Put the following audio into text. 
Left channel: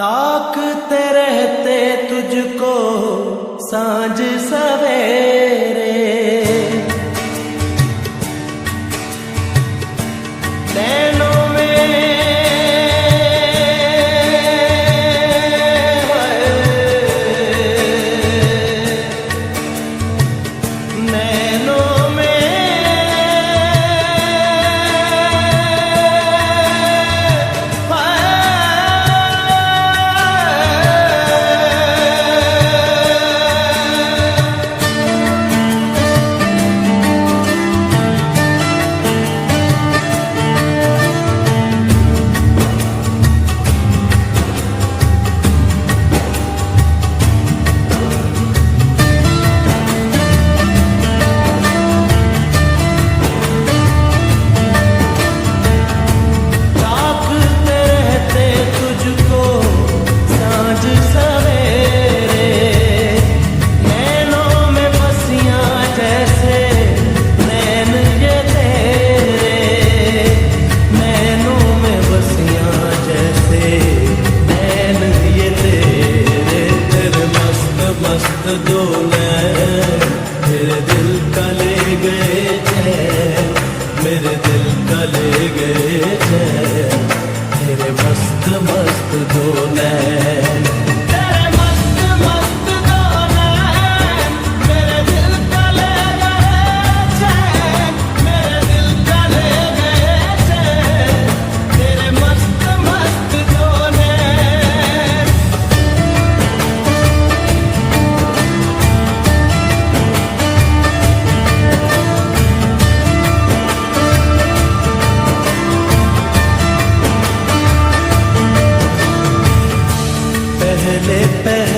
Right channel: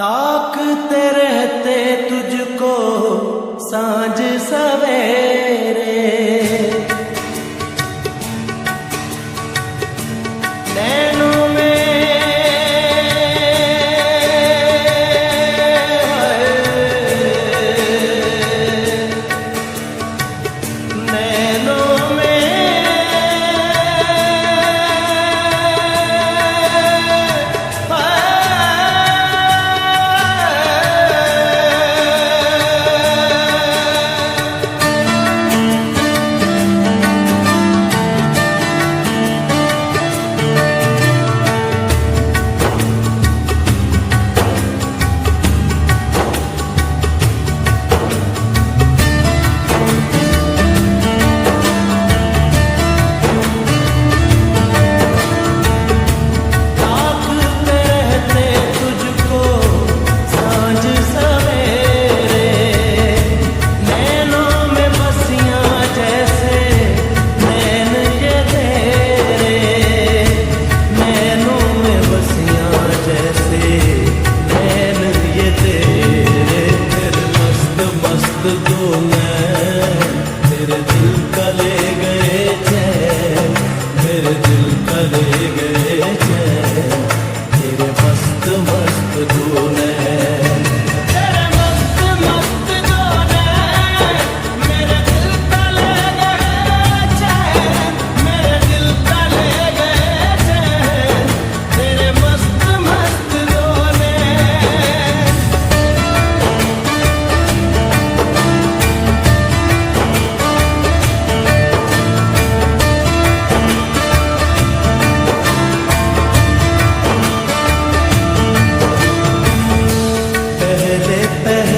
ताकते रहते तुझको सांझ सवेरे, नैनों में नैनों में तुझको सांझ सवेरे, नैनों में बसियां जैसे नैन ये तेरे, नैनों में बसियां जैसे नैन ये तेरे, तेरे मस्त मस्त दो नैन मेरे दिल का ले गए चैन, मेरे दिल का ले गए चैन, तेरे मस्त मस्त दो नैन, तेरे मस्त मस्त दो नैन मेरे दिल का ले गए चैन, मेरे दिल का ले गए चैन, तेरे मस्त मस्त दो नैन। पहले पहले